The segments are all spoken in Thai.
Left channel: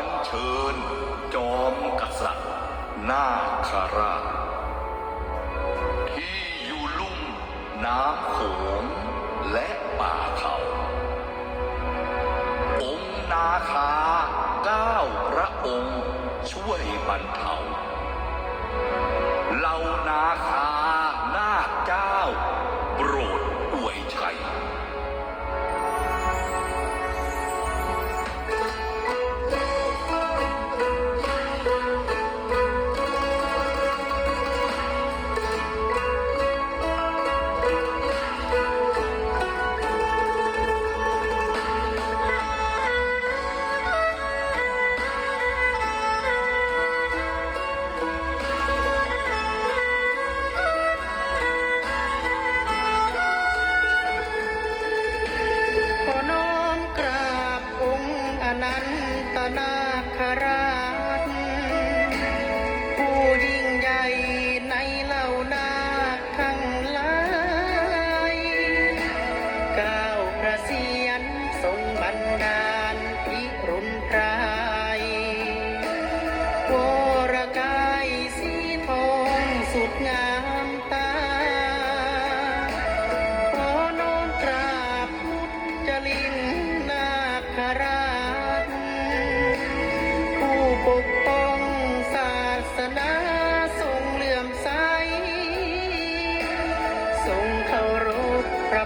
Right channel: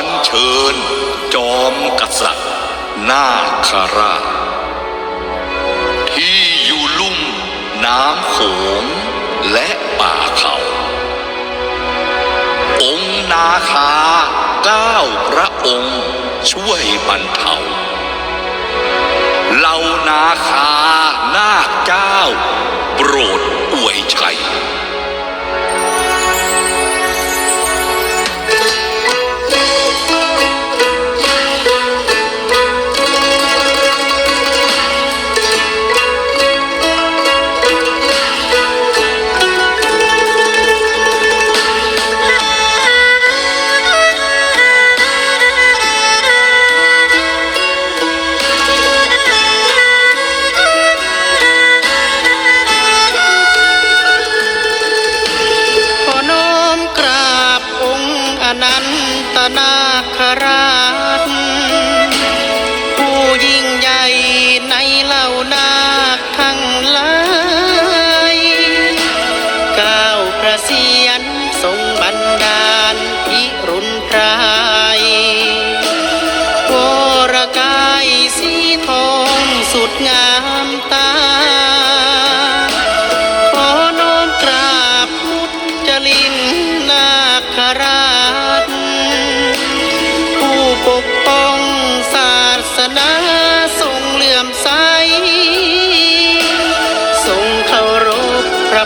อัญเชิญ จอมกษัตริย์ นาคาราชที่อยู่ลุ่มน้ำโขงและป่าเขา องค์นาคาเก้าพระองค์ช่วยบรรเทาเหล่านาคานาคเจ้า โปรดอวยชัย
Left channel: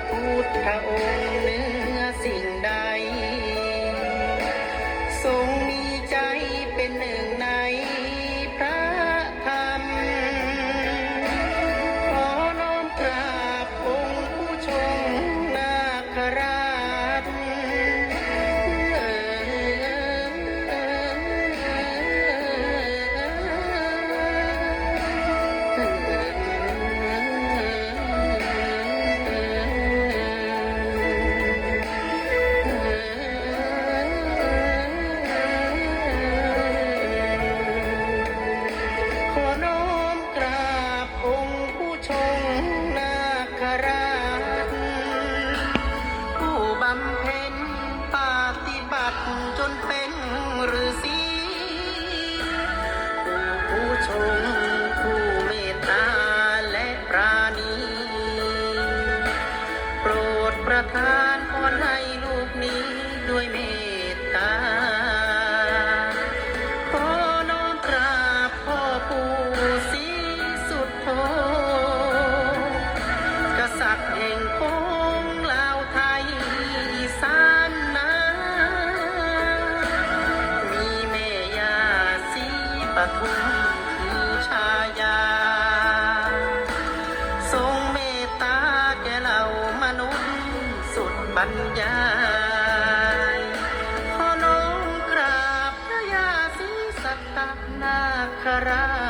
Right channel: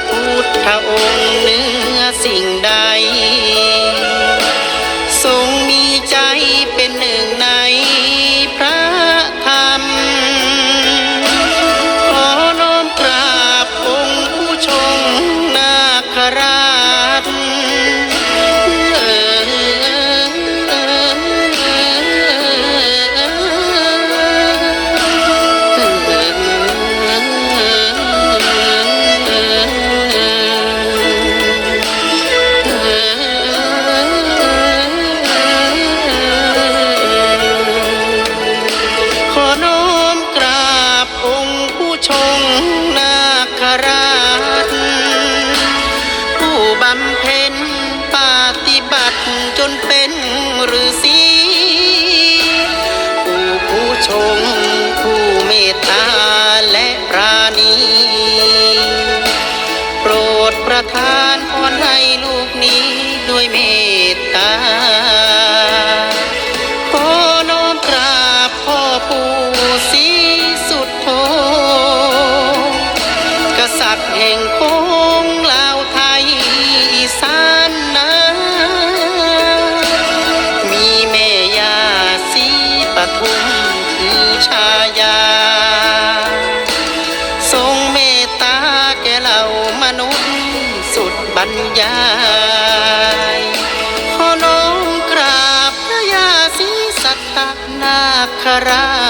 พุทธองค์เหนื กษัตริย์แห่งโค้งลาวไทยอีสานนามีแม่ยาศรีปทุมคือชายา ทรงเมตตาแก่เหล่ามนุษย์สุดบรรยายขอน้อมกราบพระยาศรีสัตตนาครา